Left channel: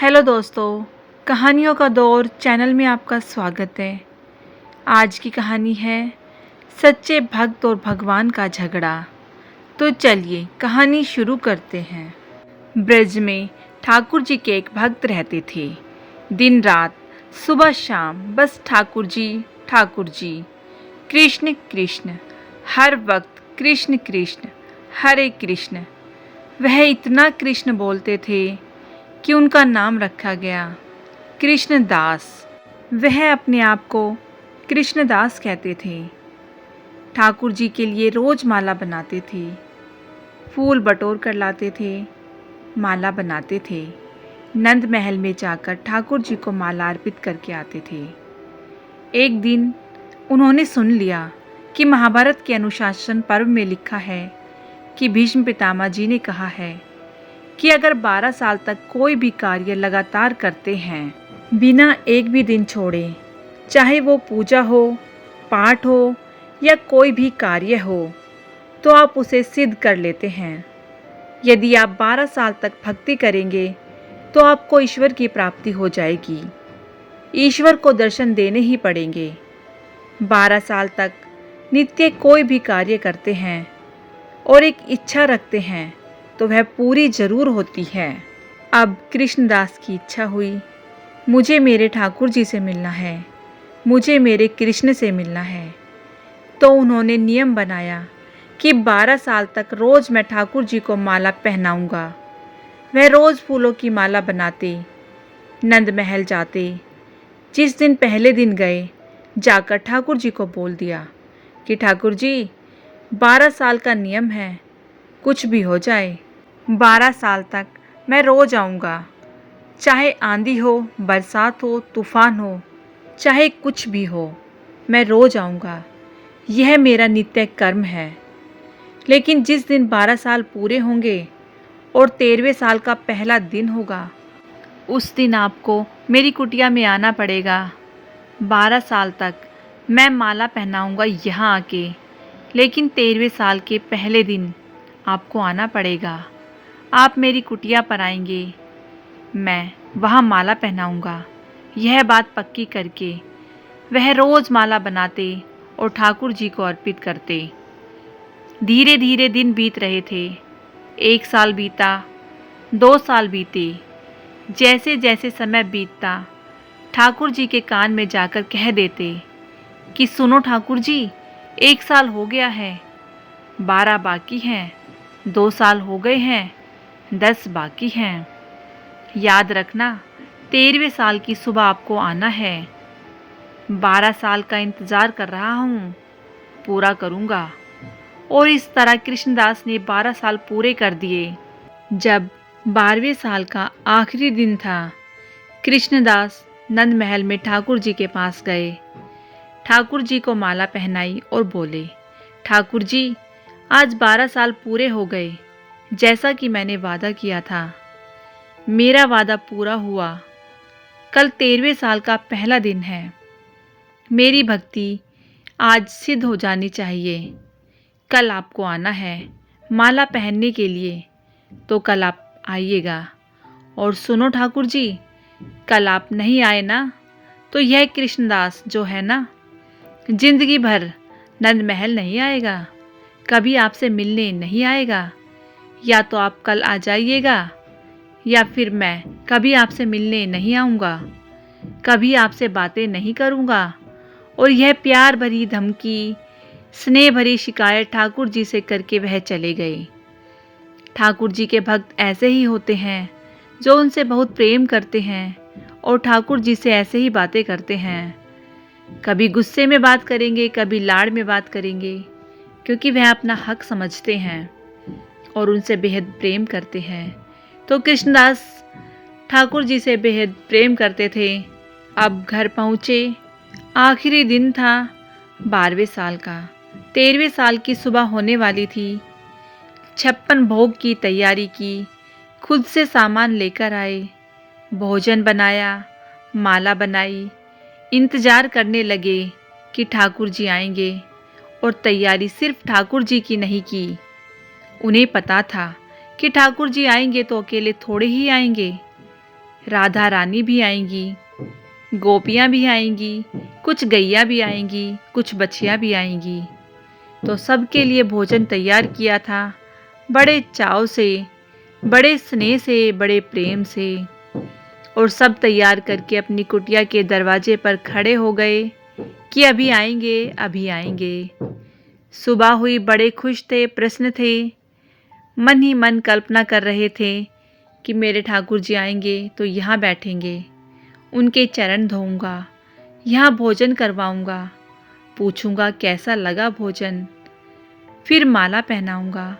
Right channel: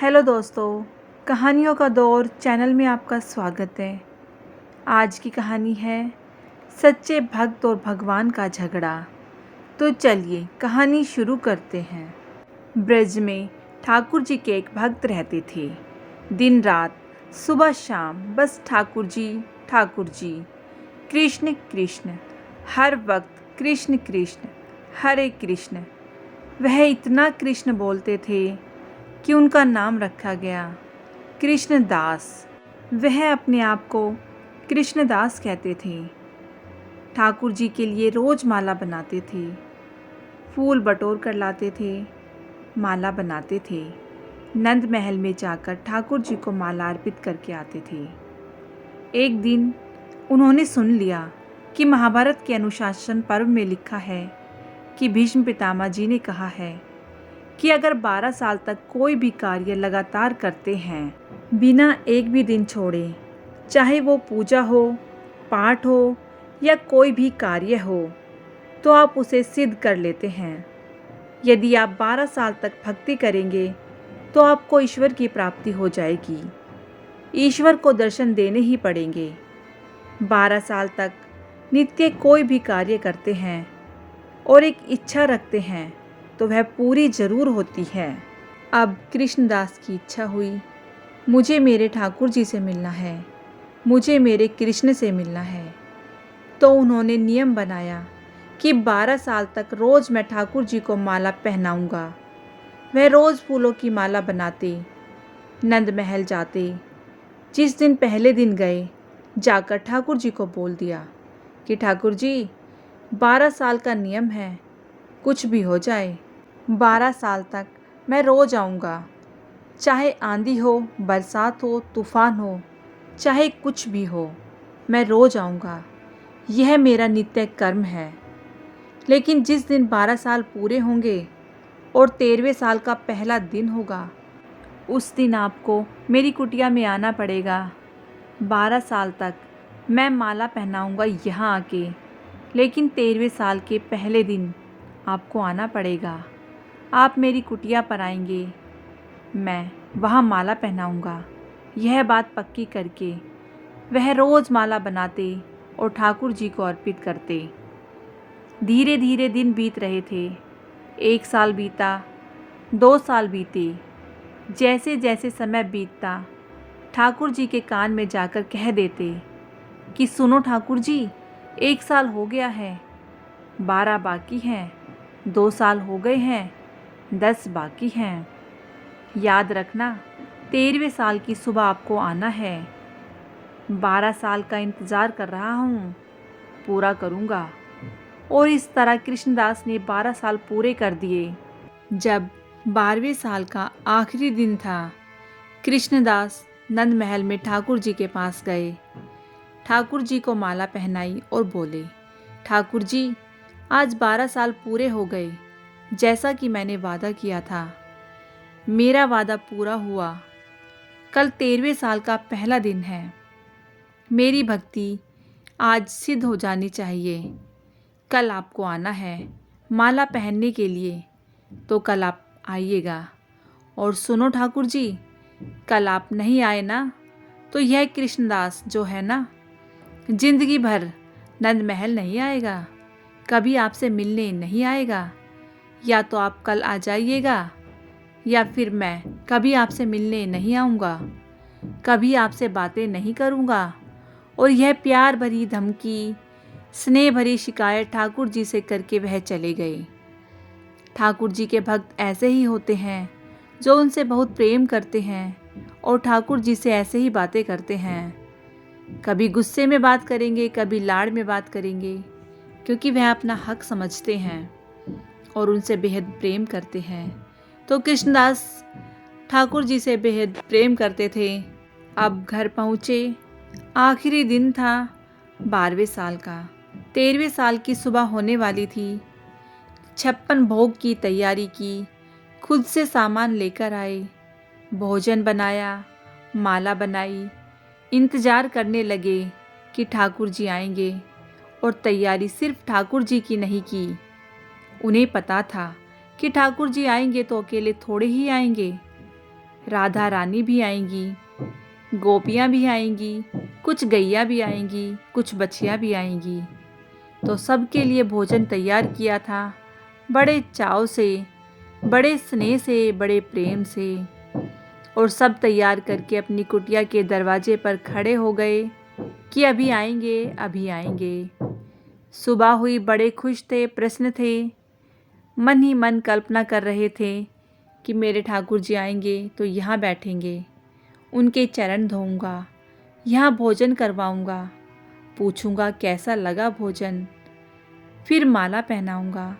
Hello दोस्तों, कहानियों का दौर चैनल में आपका स्वागत है। आज की कहानी है सच्चे भक्त और भगवान का झगड़ा। तो चलिए कहानी शुरू करते हैं। ब्रज में ठाकुर जी के एक भक्त रहते थे। दिन रात, सुबह शाम बस ठाकुर जी, कृष्ण कृष्ण, हर वक्त कृष्ण कृष्ण, हरे कृष्ण। वह इतना कृष्ण बोलते थे कि उनका नाम रखा गया कृष्णदास। वह अपने आप को कृष्णदास कहते थे। ठाकुर जी के लिए रोज माला बनाते थे, फूल बटोर कर लाते थे, माला बनाते थे। नंद महल में जाकर ठाकुर जी को माला अर्पित करके आते थे। एक दिन उन्होंने सुन लिया कि महाभारत के अनुशासन पर्व में लिखा है कि भीष्म पितामह जी ने कहा है कि अगर 12 साल तक कोई भी कार्य लगातार करते हैं, बिना एक भी दिन छोड़े, चाहे वो पूजा हो, पाठ हो या कोई भी कार्य हो, तो आप उसे सिद्ध कर लेते हैं। यदि आप 12 साल तक भक्ति करेंगे तो आपको ईश्वर की प्राप्ति हो जाएगी। ईश्वर को दर्शन देने ही पड़ेंगे। 12 साल तक नित्य कोई भी कार्य करते हैं और एक इच्छा रखते हैं तो वह पूरी जरूर होती है। अब कृष्णदास की इच्छा हुई, मुझे मेरे ठाकुर जी से मिलना है, मुझे मेरे कृष्ण से मिलना है। तो उन्होंने नियम बनाया कि 12 साल तक रोज मैं ठाकुर जी को माला पहनाऊंगा। वह रोज फूलों की माला बनाते, नंद महल जाते। जिस दिन पहले दिन गए, जाकर ठाकुर जी को बोल दिया कि ठाकुर जी, 12 साल का नियम है, कुछ भी हो जाए 12 साल तक मैं रोज आऊँगा। चाहे आंधी हो, बरसात हो, तूफान हो, चाहे कुछ भी हो, मैं रोज आऊँगा। यह मेरा नित्य कर्म है। लेकिन जिस दिन 12 साल पूरे होंगे और 13वें साल का पहला दिन होगा, उस दिन आपको मेरी कुटिया में आना पड़ेगा। 12 साल तक मैं माला पहनाऊँगा यहाँ आके, लेकिन 13वें साल के पहले दिन आपको आना पड़ेगा। आप मेरी कुटिया पर आएंगे, मैं वहाँ माला पहनाऊँगा। यह बात पक्की करके वह रोज़ माला बनाते और ठाकुर जी को अर्पित करते। धीरे धीरे दिन बीत रहे थे। 1 साल बीता, 2 साल बीते। जैसे जैसे समय बीतता, ठाकुर जी के कान में जाकर कह देते कि सुनो ठाकुर जी, 1 साल हो गया है, 12 बाकी हैं, 2 साल हो गए हैं, 10 बाकी हैं। याद रखना, 13वें साल की सुबह आपको आना है। 12 साल का इंतज़ार कर रहा हूँ, पूरा करूँगा। और इस तरह कृष्णदास ने 12 साल पूरे कर दिए। जब 12वें साल का आखिरी दिन था, कृष्णदास नंद महल में ठाकुर जी के पास गए। ठाकुर जी को माला पहनाई और बोले, ठाकुर जी, आज 12 साल पूरे हो गए, जैसा कि मैंने वादा किया था। मेरा वादा पूरा हुआ। कल 13वें साल का पहला दिन है। मेरी भक्ति आज सिद्ध हो जानी चाहिए। कल आपको आना है माला पहनने के लिए, तो कल आप आइएगा। और सुनो ठाकुर जी, कल आप नहीं आए ना, तो यह कृष्णदास जो है ना, जिंदगी भर नंद महल नहीं आएगा, कभी आपसे मिलने नहीं आएगा। या तो आप कल आ जाइएगा, या फिर मैं कभी आपसे मिलने नहीं आऊँगा, कभी आपसे बातें नहीं करूँगा। और यह प्यार भरी धमकी, स्नेह भरी शिकायत ठाकुर जी से करके वह चले गए। ठाकुर जी के भक्त ऐसे ही होते हैं, जो उनसे बहुत प्रेम करते हैं और ठाकुर जी से ऐसे ही बातें करते हैं। कभी गुस्से में बात करेंगे, कभी लाड़ में बात करेंगे, क्योंकि वह अपना हक समझते हैं और उनसे बेहद प्रेम करते हैं। तो कृष्णदास ठाकुर जी से बेहद प्रेम करते थे। अब घर पहुँचे। आखिरी दिन था 12वें साल का। 13वें साल की सुबह होने वाली थी। 56 भोग की तैयारी की, खुद से सामान लेकर आए, भोजन बनाया, माला बनाई, इंतज़ार करने लगे कि ठाकुर जी आएंगे। और तैयारी सिर्फ ठाकुर जी की नहीं की। उन्हें पता था कि ठाकुर जी आएंगे तो अकेले थोड़े ही आएंगे। राधा रानी भी आएंगी, गोपियाँ भी आएंगी, कुछ गैया भी आएंगी, कुछ बछिया भी आएंगी। तो सबके लिए भोजन तैयार किया था, बड़े चाव से, बड़े स्नेह से, बड़े प्रेम से। और सब तैयार करके अपनी कुटिया के दरवाजे पर खड़े हो गए कि अभी आएंगे, अभी आएंगे। सुबह हुई, बड़े खुश थे, प्रसन्न थे, मन ही मन कल्पना कर रहे थे कि मेरे ठाकुर जी आएंगे तो यहाँ बैठेंगे, उनके चरण धोऊंगा, यहाँ भोजन करवाऊंगा, पूछूंगा कैसा लगा भोजन, फिर माला पहनाऊंगा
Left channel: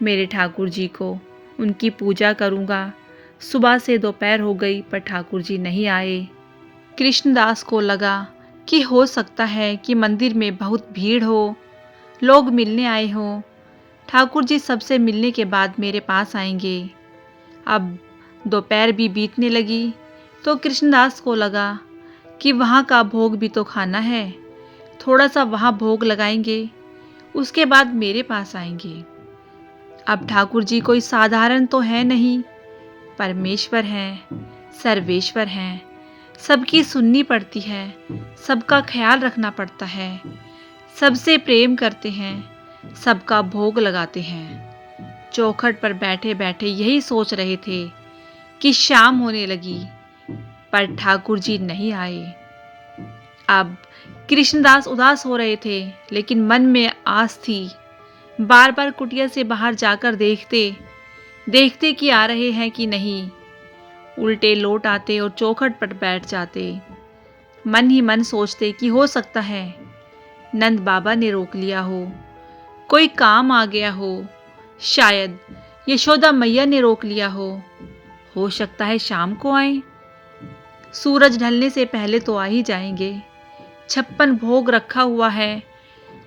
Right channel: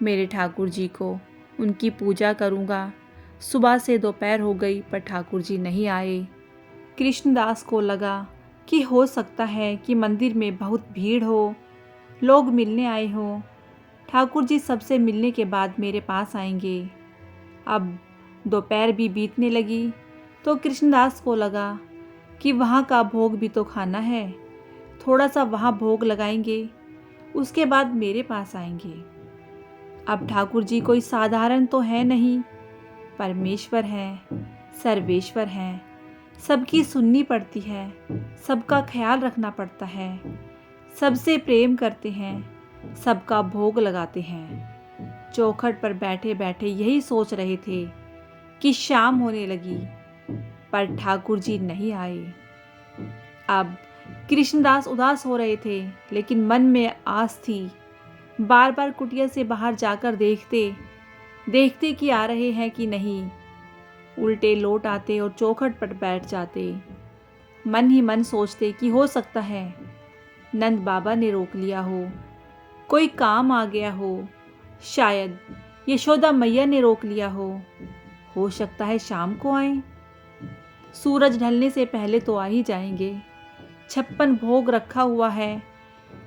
मेरे ठाकुर जी को, उनकी पूजा करूंगा। सुबह से दोपहर हो गई पर ठाकुर जी नहीं आए। कृष्णदास को लगा कि हो सकता है कि मंदिर में बहुत भीड़ हो, लोग मिलने आए हों, ठाकुर जी सबसे मिलने के बाद मेरे पास आएंगे। अब दोपहर भी बीतने लगी तो कृष्णदास को लगा कि वहाँ का भोग भी तो खाना है, थोड़ा सा वहाँ भोग लगाएंगे, उसके बाद मेरे पास आएंगे। अब ठाकुर जी कोई साधारण तो है नहीं, परमेश्वर हैं, सर्वेश्वर हैं, सबकी सुननी पड़ती है, सबका ख्याल रखना पड़ता है, सबसे प्रेम करते हैं, सबका भोग लगाते हैं। चौखट पर बैठे बैठे यही सोच रहे थे कि शाम होने लगी पर ठाकुर जी नहीं आए। अब कृष्णदास उदास हो रहे थे, लेकिन मन में आस थी। बार बार कुटिया से बाहर जाकर देखते देखते कि आ रहे हैं कि नहीं, उल्टे लौट आते और चौखट पर बैठ जाते। मन ही मन सोचते कि हो सकता है नंद बाबा ने रोक लिया हो, कोई काम आ गया हो, शायद यशोदा मैया ने रोक लिया हो सकता है शाम को आए, सूरज ढलने से पहले तो आ ही जाएंगे। 56 भोग रखा हुआ है,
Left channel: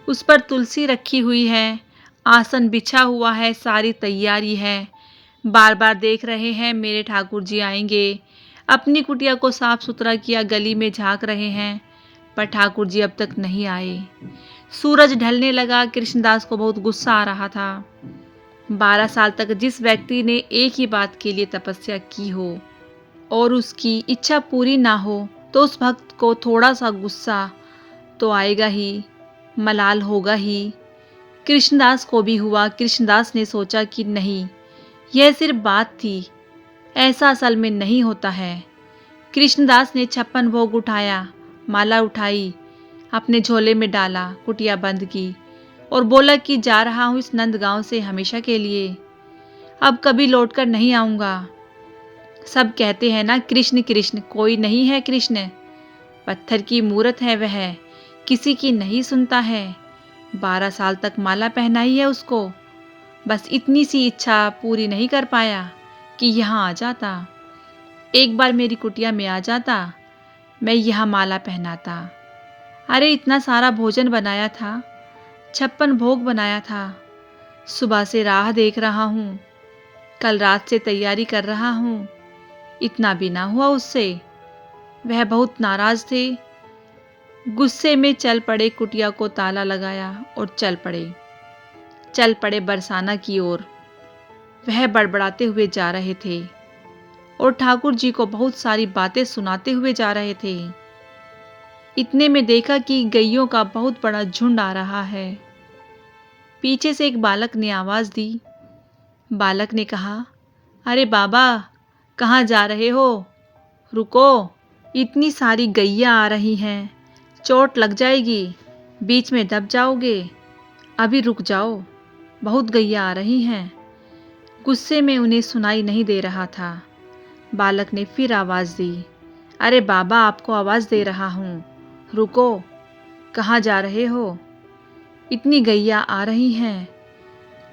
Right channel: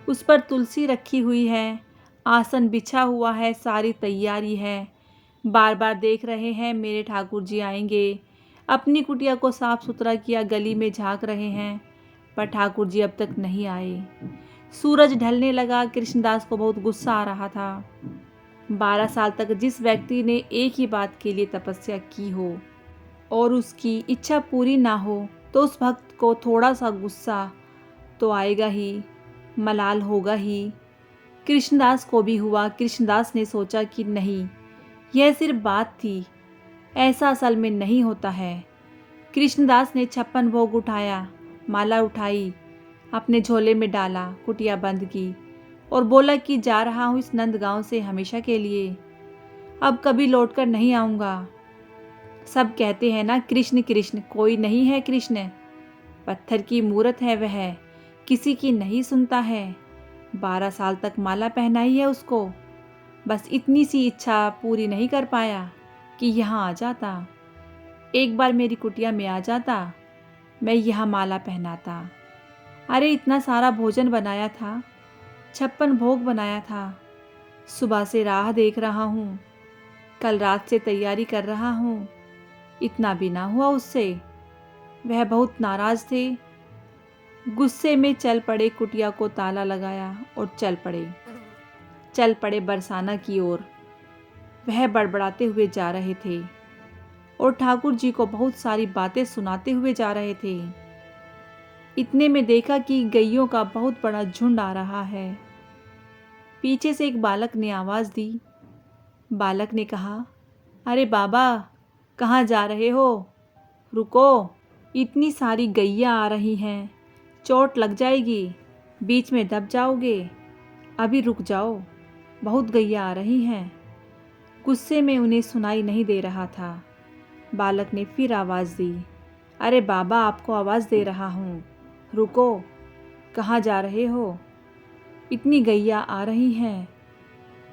उस पर तुलसी रखी हुई है, आसन बिछा हुआ है, सारी तैयारी है। बार बार देख रहे हैं मेरे ठाकुर जी आएंगे। अपनी कुटिया को साफ सुथरा किया, गली में झांक रहे हैं, पर ठाकुर जी अब तक नहीं आए। सूरज ढलने लगा। कृष्णदास को बहुत गुस्सा आ रहा था। 12 साल तक जिस व्यक्ति ने एक ही बात के लिए तपस्या की हो और उसकी इच्छा पूरी ना हो, तो उस भक्त को थोड़ा सा गुस्सा तो आएगा ही, मलाल होगा ही। कृष्णदास को भी हुआ। कृष्णदास ने सोचा कि नहीं, यह सिर्फ बात थी, ऐसा असल में नहीं होता है। कृष्णदास ने 56 भोग उठाया, माला उठाई, अपने झोले में डाला, कुटिया बंद की और बोला कि जा रहा हूँ इस नंदगांव से हमेशा के लिए, अब कभी लौटकर नहीं आऊँगा। सब कहते हैं ना कृष्ण कृष्ण, कोई नहीं है कृष्ण, पत्थर की मूरत है वह, किसी की नहीं सुनता है। 12 साल तक माला पहनाई है उसको, बस इतनी सी इच्छा पूरी नहीं कर पाया कि यहाँ आ जाता, एक बार मेरी कुटिया में आ जाता, मैं यहाँ माला पहनाता। अरे इतना सारा भोजन बनाया था, 56 भोग बनाया था, सुबह से राह देख रहा हूँ, कल रात से तैयारी कर रहा हूँ, इतना भी ना हुआ उससे। वह बहुत नाराज थे। गुस्से में चल पड़े, कुटिया को ताला लगाया और चल पड़े बरसाना की ओर। वह बड़बड़ाते हुए जा रहे थे और ठाकुर जी को बहुत सारी बातें सुनाते हुए जा रहे थे। इतने में देखा कि गैयों का बहुत बड़ा झुंड आ रहा है। पीछे से एक बालक ने आवाज़ दी। बालक ने कहा, अरे बाबा, कहाँ जा रहे हो? रुको, इतनी सारी गैया आ रही हैं, चोट लग जाएगी, बीच में दब जाओगे, अभी रुक जाओ, बहुत गैया आ रही हैं। गुस्से में उन्हें सुनाई नहीं दे रहा था। बालक ने फिर आवाज़ दी, अरे बाबा, आपको आवाज़ दे रहा हूँ, रुको, कहाँ जा रहे हो? इतनी गैया आ रही हैं।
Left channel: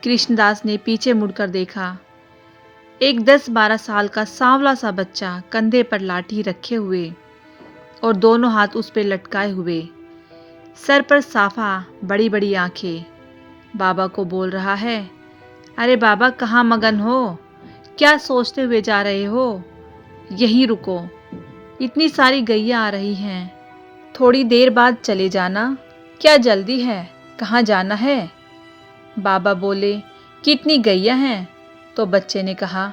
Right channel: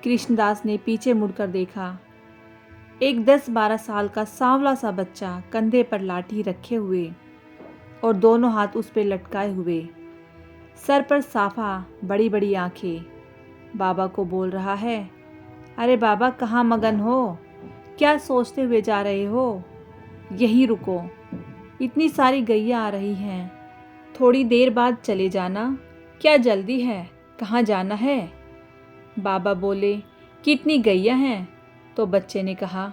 कृष्णदास ने पीछे मुड़कर देखा। एक 10-12 साल का सांवला सा बच्चा कंधे पर लाठी रखे हुए और दोनों हाथ उस पर लटकाए हुए, सर पर साफा, बड़ी बड़ी आंखें, बाबा को बोल रहा है, अरे बाबा, कहाँ मगन हो? क्या सोचते हुए जा रहे हो? यहीं रुको, इतनी सारी गैया आ रही हैं, थोड़ी देर बाद चले जाना, क्या जल्दी है, कहाँ जाना है? बाबा बोले, कितनी गैया हैं? तो बच्चे ने कहा,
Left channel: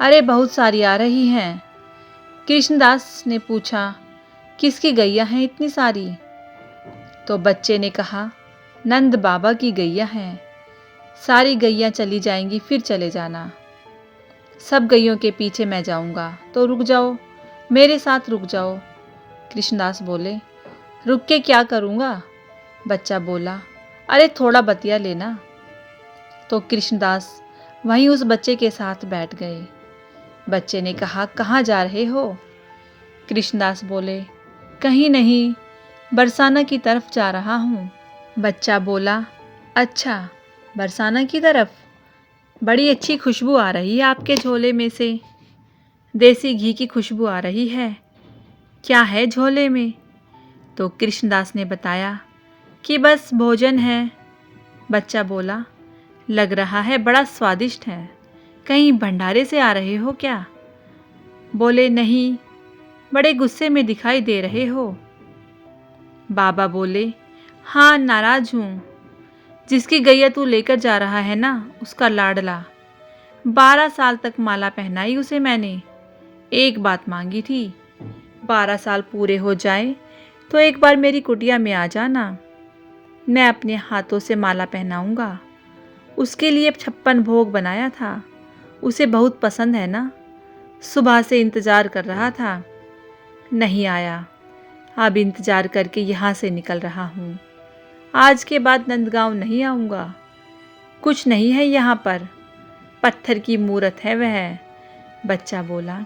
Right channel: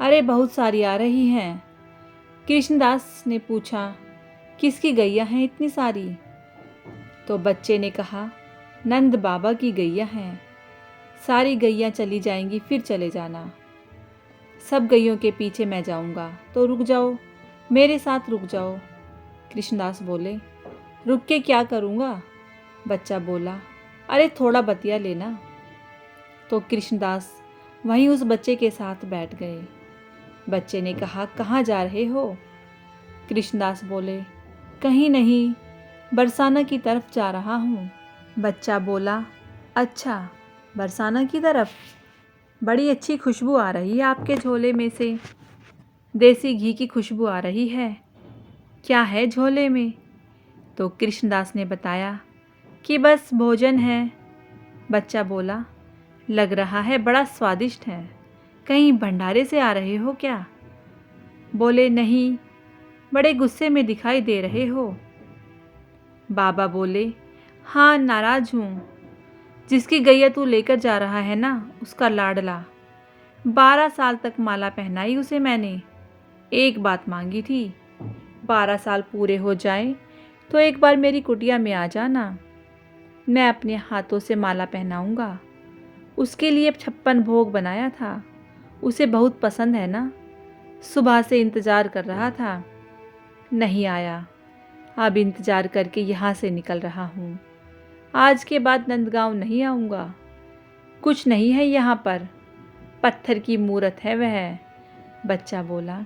अरे बहुत सारी आ रही हैं। कृष्णदास ने पूछा, किसकी गैया हैं इतनी सारी? तो बच्चे ने कहा, नंद बाबा की गैया हैं। सारी गैया चली जाएंगी, फिर चले जाना। सब गैयों के पीछे मैं जाऊंगा, तो रुक जाओ, मेरे साथ रुक जाओ। कृष्णदास बोले, रुक के क्या करूंगा? बच्चा बोला, अरे थोड़ा बतिया लेना। तो कृष्णदास वहीं उस बच्चे के साथ बैठ गए। बच्चे ने कहा, कहाँ जा रहे हो? कृष्णदास बोले, कहीं नहीं, बरसाना की तरफ जा रहा हूँ। बच्चा बोला, अच्छा, बरसाना की तरफ? बड़ी अच्छी खुशबू आ रही है आपके झोले में से। देसी घी की खुशबू आ रही है। क्या है झोले में? तो कृष्णदास ने बताया कि बस भोजन है। बच्चा बोला, लग रहा है बड़ा स्वादिष्ट है। कहीं भंडारे से आ रहे हो क्या? बोले, नहीं, बड़े गुस्से में दिखाई दे रहे हो। बाबा बोले, हाँ, नाराज हूँ। जिसकी गैया तू लेकर जा रहा है ना, उसका लाडला। 12 साल तक माला पहनाई उसे मैंने। एक बात मांगी थी, 12 साल पूरे हो जाएं तो एक बार मेरी कुटिया में आ जाना। मैं अपने हाथों से माला पहनाऊंगा। उसके लिए 56 भोग बनाया था। उसे बहुत पसंद है ना। सुबह से इंतज़ार कर रहा था, नहीं आया। अब इंतज़ार करके यहाँ से निकल रहा हूँ। आज के बाद नंदगांव नहीं आऊँगा। कुछ नहीं है यहाँ पर, पत्थर की मूरत है वह। बच्चा बोला,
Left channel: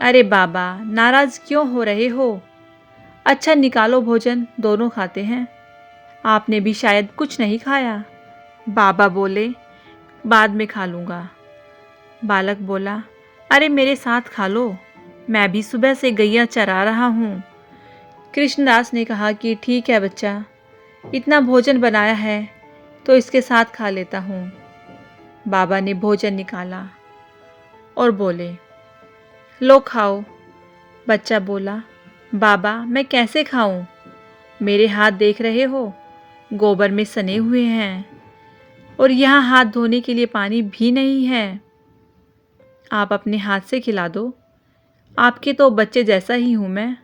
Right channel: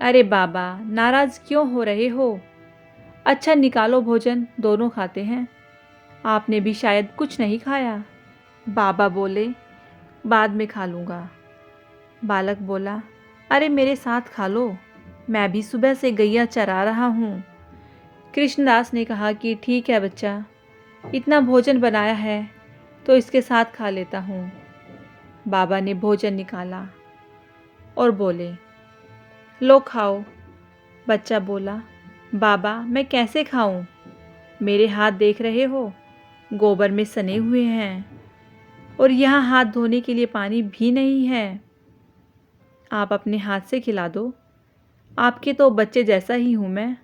अरे बाबा, नाराज़ क्यों हो रहे हो? अच्छा, निकालो भोजन, दोनों खाते हैं। आपने भी शायद कुछ नहीं खाया। बाबा बोले, बाद में खा लूँगा। बालक बोला, अरे मेरे साथ खा लो, मैं भी सुबह से गैया चरा रहा हूँ। कृष्णदास ने कहा कि ठीक है बच्चा, इतना भोजन बनाया है तो इसके साथ खा लेता हूँ। बाबा ने भोजन निकाला और बोले, लो खाओ। बच्चा बोला, बाबा मैं कैसे खाऊं? मेरे हाथ देख रहे हो, गोबर में सने हुए हैं और यहाँ हाथ धोने के लिए पानी भी नहीं है। आप अपने हाथ से खिला दो, आपके तो बच्चे जैसा ही हूँ मैं।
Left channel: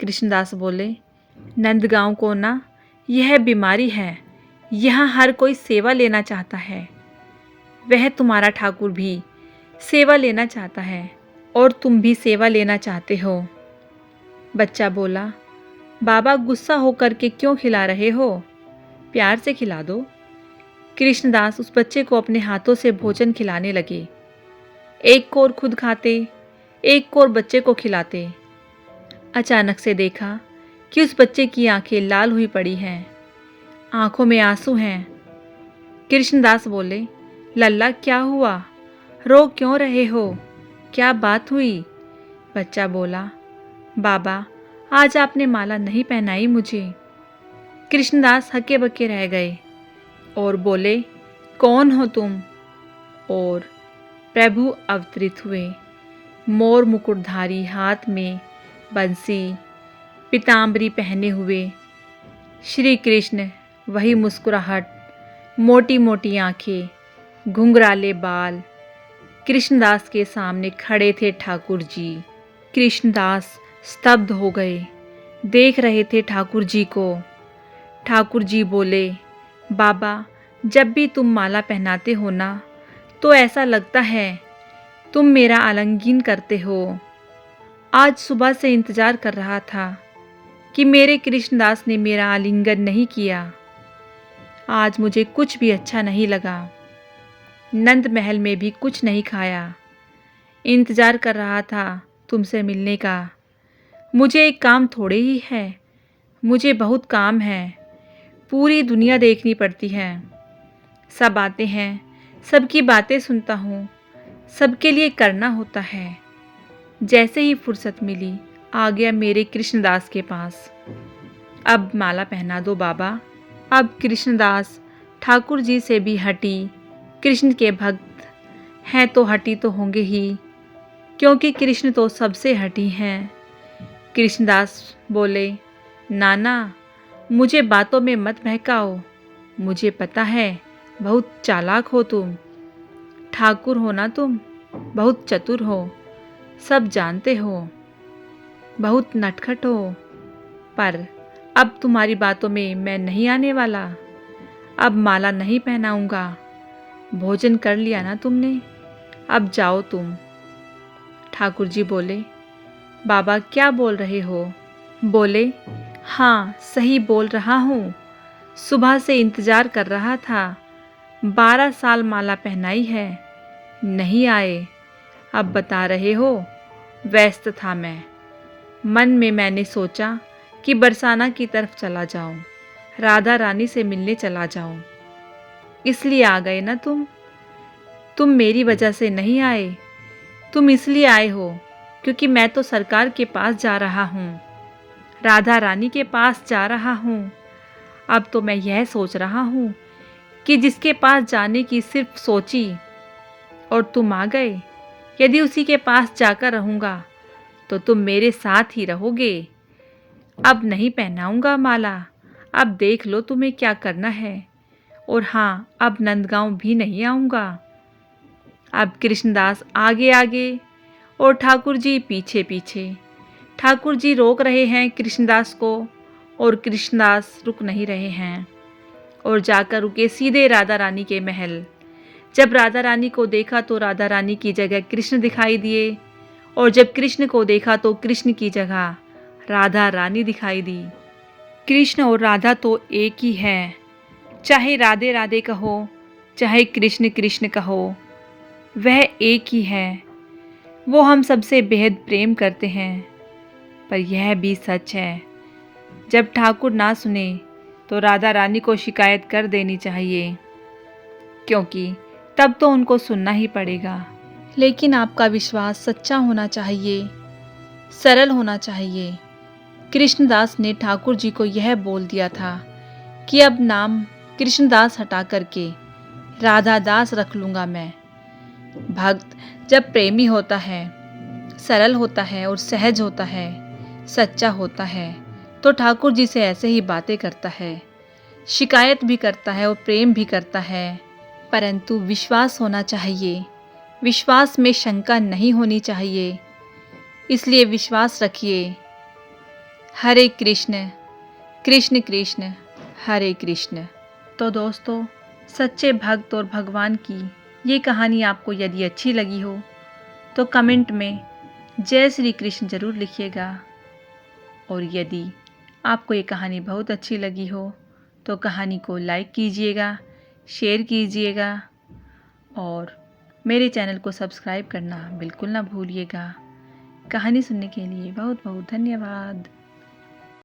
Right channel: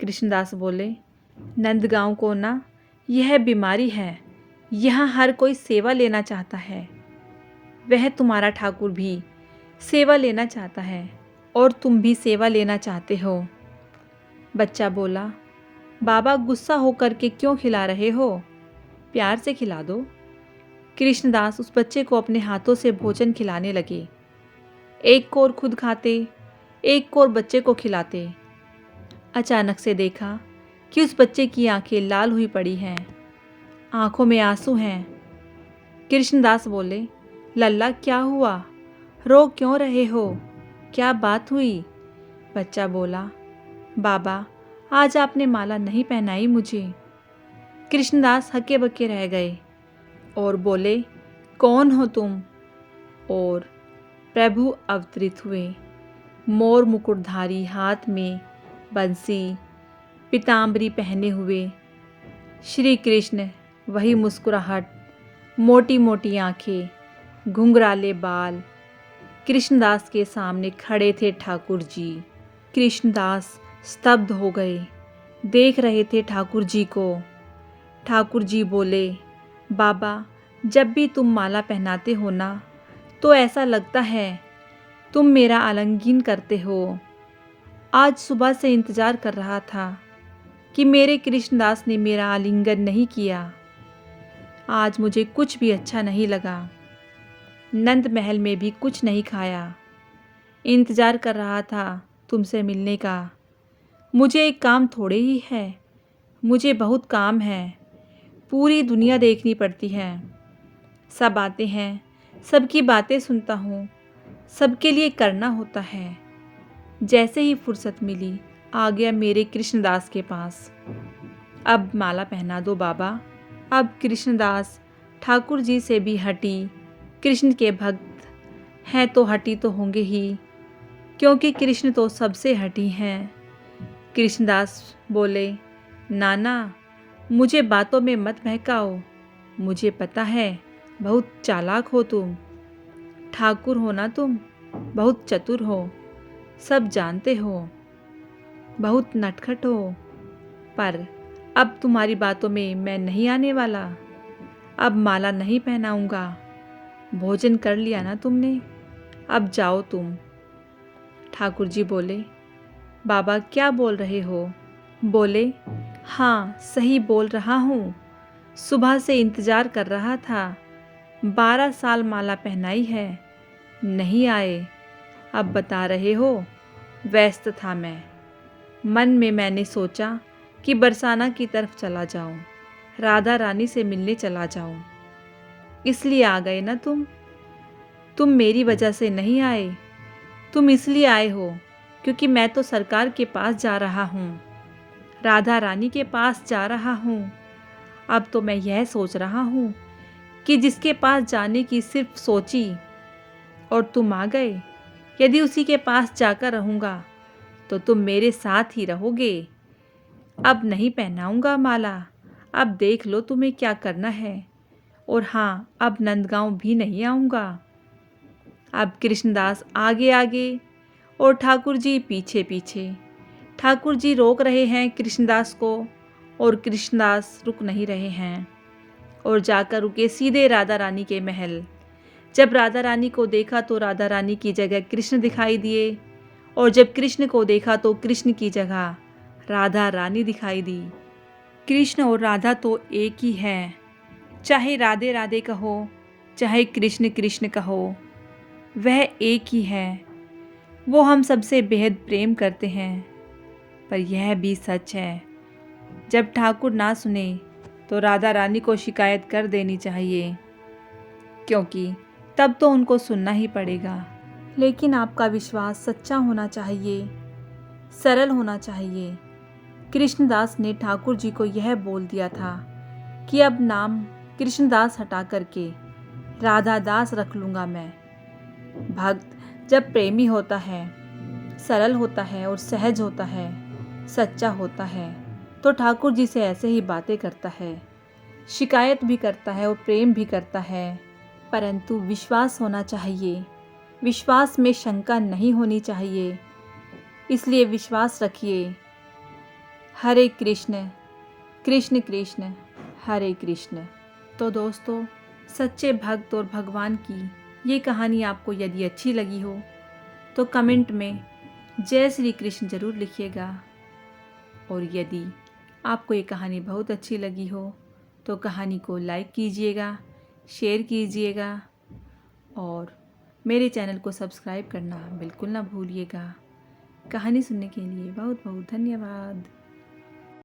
कृष्णदास बोले, नंदगांव को ना यह बीमारी है, यहाँ हर कोई सेवा लेना चाहता है। वह तुम्हारा ठाकुर भी सेवा लेना चाहता है और तुम भी सेवा लेना चाहते हो। बच्चा बोला, बाबा गुस्सा होकर के क्यों खिला रहे हो? प्यार से खिला दो। कृष्णदास उस बच्चे को अपने हाथों से भोजन खिलाने लगे। एक कोर खुद खाते, एक कोर बच्चे को खिलाते। अचानक से देखा कि उस बच्चे की आंखें लाल हुई पड़ी हैं, आंखों में आंसू हैं। कृष्णदास बोले, लल्ला क्या हुआ? रो क्यों रहे हो? क्या बात हुई? बच्चा बोला, बाबा आज आपने माला नहीं पहनाई मुझे। कृष्णदास हक्के बक्के रह गए और बोले, कौन हो तुम? और प्रभु अवतरित हुए, मोर मुकुटधारी, हाथ में बंसी, पीताम्बरी पहने हुए। श्री कृष्ण, वही मुस्कुराहट, मोटी मोटी आंखें, घुंघराले बाल। कृष्णदास के सामने खड़े थे ठाकुर जी। कृष्णदास स्तब्ध हो गए, देख रहे थे ठाकुर जी को। ठाकुर जी बोले, बाबा जब भी तुम माला पहनाते हो ना, तो ऐसा लगता है तुम मेरा आलिंगन करते हो। आज सुबह से इंतज़ार कर रहा था कि मेरे कृष्णदास ने मेरा आलिंगन नहीं किया। आज मुझे कुछ भी अच्छा नहीं लगा। नंद महल में भी कुछ नहीं खाया। इंतज़ार कर रहा था तुमसे मिलने का। मुझे एक काम थोड़े ही है, मुझे बहुत काम है। पूरी दुनिया देखनी पड़ती है। सब आते हैं, सबकी बातें सुनता हूँ, सबके लिए करना होता है। जैसे ही फुर्सत मिली आ गया मेरे कृष्णदास के पास। अब माला पहना दो बाबा। अब कृष्णदास ठाकुर जी से भी हटी। कृष्ण के भक्त हैं तो हटी तो होंगे ही, क्योंकि कृष्ण तो सबसे हटी हैं। कृष्णदास बोले, नाना मुझे बातों में मत बहकाओ। मुझे पता है बहुत चालाक हो तुम, ठाकुर हो ना तुम, बहुत चतुर हो। सब जानते हो, बहुत नटखट हो, पर अब तुम्हारी बातों में मैं नहीं आने वाला। अब माला नहीं पहनाऊंगा। भोजन कर लिया ना तुमने, अब जाओ तुम। ठाकुर जी बोले, बाबा क्या बोल रहे हो? बोले, हाँ सही बोल रहा हूँ। सुबह से इंतजार कर रहा था, 12 साल माला पहनाई है, नहीं आए। अब बता रहे हो, व्यस्त था मैं। मन में मैंने सोचा कि बरसाना की तरफ चला जाऊं, राधा रानी से मिलने चला जाऊं। इसलिए आ गए ना तुम मेरी वजह से नहीं आए। तुम इसलिए आए हो क्योंकि मैं तो सरकार के पास जा रहा हूँ, राधा रानी के पास जा रहा हूँ। अब तो मैं यह सोच रहा हूँ कि जिसके पास जाने की सिर्फ सोची और तुम आ गए। यदि उसी के पास जाकर रहूँगा तो तुम मेरे साथ ही रहोगे। अब नहीं पहनाऊंगा माला, अब देख लो तुम्हें क्या करना है। और हाँ, अब नंदगांव भी नहीं आऊँगा। अब कृष्णदास आगे आगे और ठाकुर जी पीछे पीछे। ठाकुर जी रोक रहे हैं कृष्णदास को और कृष्णदास रुक नहीं रहे हैं और जाकर रुके सीधे राधा रानी के महल। जब राधा रानी को देखा तो राधा रानी की जगह कृष्ण दिखाई दिए और जब कृष्ण को देखा तो कृष्ण की जगह राधा रानी दिखाई दी। कृष्ण और राधा तो एक ही हैं, चाहे राधे राधे कहो, चाहे कृष्ण कृष्ण कहो, वह एक ही है। वो हम सबसे बेहद प्रेम करते हैं। पर यह भी सच है, जब ठाकुर ना सुने तो राधा रानी को शिकायत कर देनी चाहिए, क्योंकि तब तो उनको सुनना ही पड़ेगा। लेकिन आपका विश्वास सच्चा होना चाहिए, सरल होना चाहिए। कृष्णदास ने ठाकुर जी को यह बोल दिया था कि अब नाम कृष्णदास हटा करके राधादास रख लूँगा मैं। भक्त जब प्रेमी होता है, सरल होता है और सहज होता है, सच्चा होता है, तो ठाकुर जी से ऐसे ही बातें करता है, शिकायत भी करता है और प्रेम भी करता है। परंतु विश्वास होना चाहिए, विश्वास में शंका नहीं होनी चाहिए। इसलिए विश्वास रखिए। हरे कृष्ण कृष्ण कृष्ण हरे कृष्ण। तो दोस्तों, सच्चे भक्त और भगवान की ये कहानी आपको यदि अच्छी लगी हो तो कमेंट में जय श्री कृष्ण ज़रूर लिखिएगा। और यदि आपको ये कहानी बहुत अच्छी लगी हो तो कहानी को लाइक कीजिएगा, शेयर कीजिएगा और मेरे चैनल को सब्सक्राइब करना बिल्कुल ना भूलिएगा। कहानी सुनने के लिए बहुत बहुत धन्यवाद।